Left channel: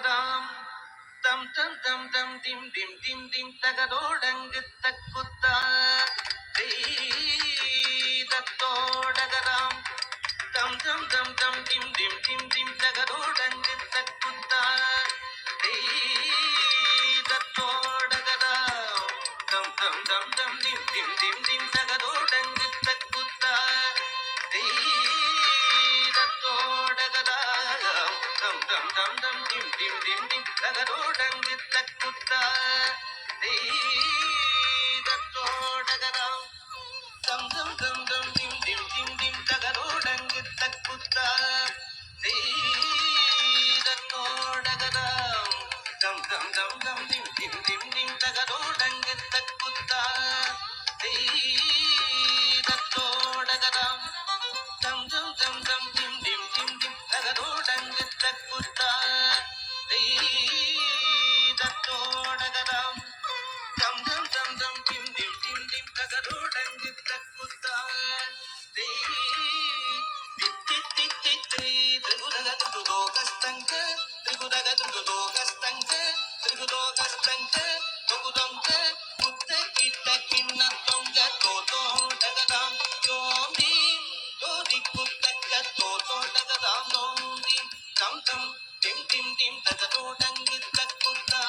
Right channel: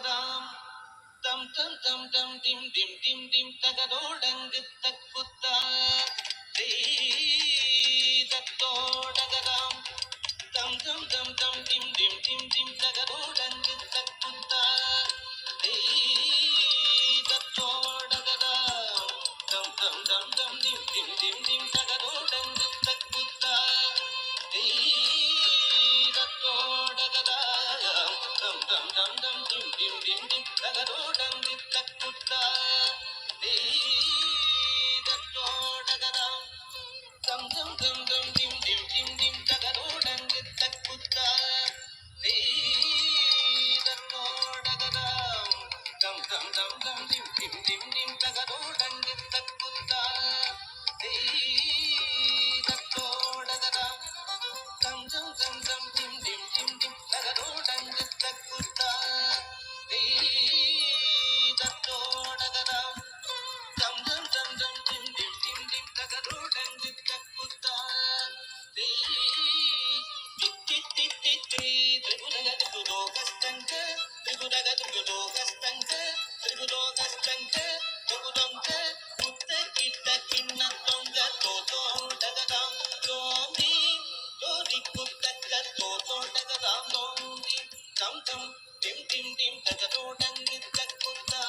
டகதாம் தம் தம் தம் தம் dim dim dim dim தகதோடங்கு தக்குத்தா தத்தோடகதாம் தம் தம் தம் தம் dim dim dim dim தகதோடங்கு தக்குத்தா தத்தோடகதாம் தம் தம் தம் தம் dim dim dim dim தகதோடங்கு தக்குத்தா தத்தோடகதாம் தம் தம் தம் தம் dim dim dim dim தகதோடங்கு தக்குத்தா தத்தோடகதாம் தம் தம் தம் தம் dim dim dim dim தகதோடங்கு தக்குத்தா தத்தோடகதாம் தம் தம் தம் தம் dim dim dim dim தகதோடங்கு தக்குத்தா தத்தோடகதாம் தம் தம் தம் தம் dim dim dim dim தகதோடங்கு தக்குத்தா தத்தோடகதாம் தம் தம் தம் தம் dim dim dim dim தகதோடங்கு தக்குத்தா திரிகுதகதுதோகஸ்தங்க திரிகுதகதுதோகஸ்தங்க திரிகுதோகஸ்தங்க தொகுதொங்க முத்த கிட்ட கிண்ண தொங்க தோதோடகதாம் தோந்தி தோதி குத்தக்க தோதோடகதாம் தோந்தி தம் தம் dim dim dim தகதோடங்கு தக்குத்தா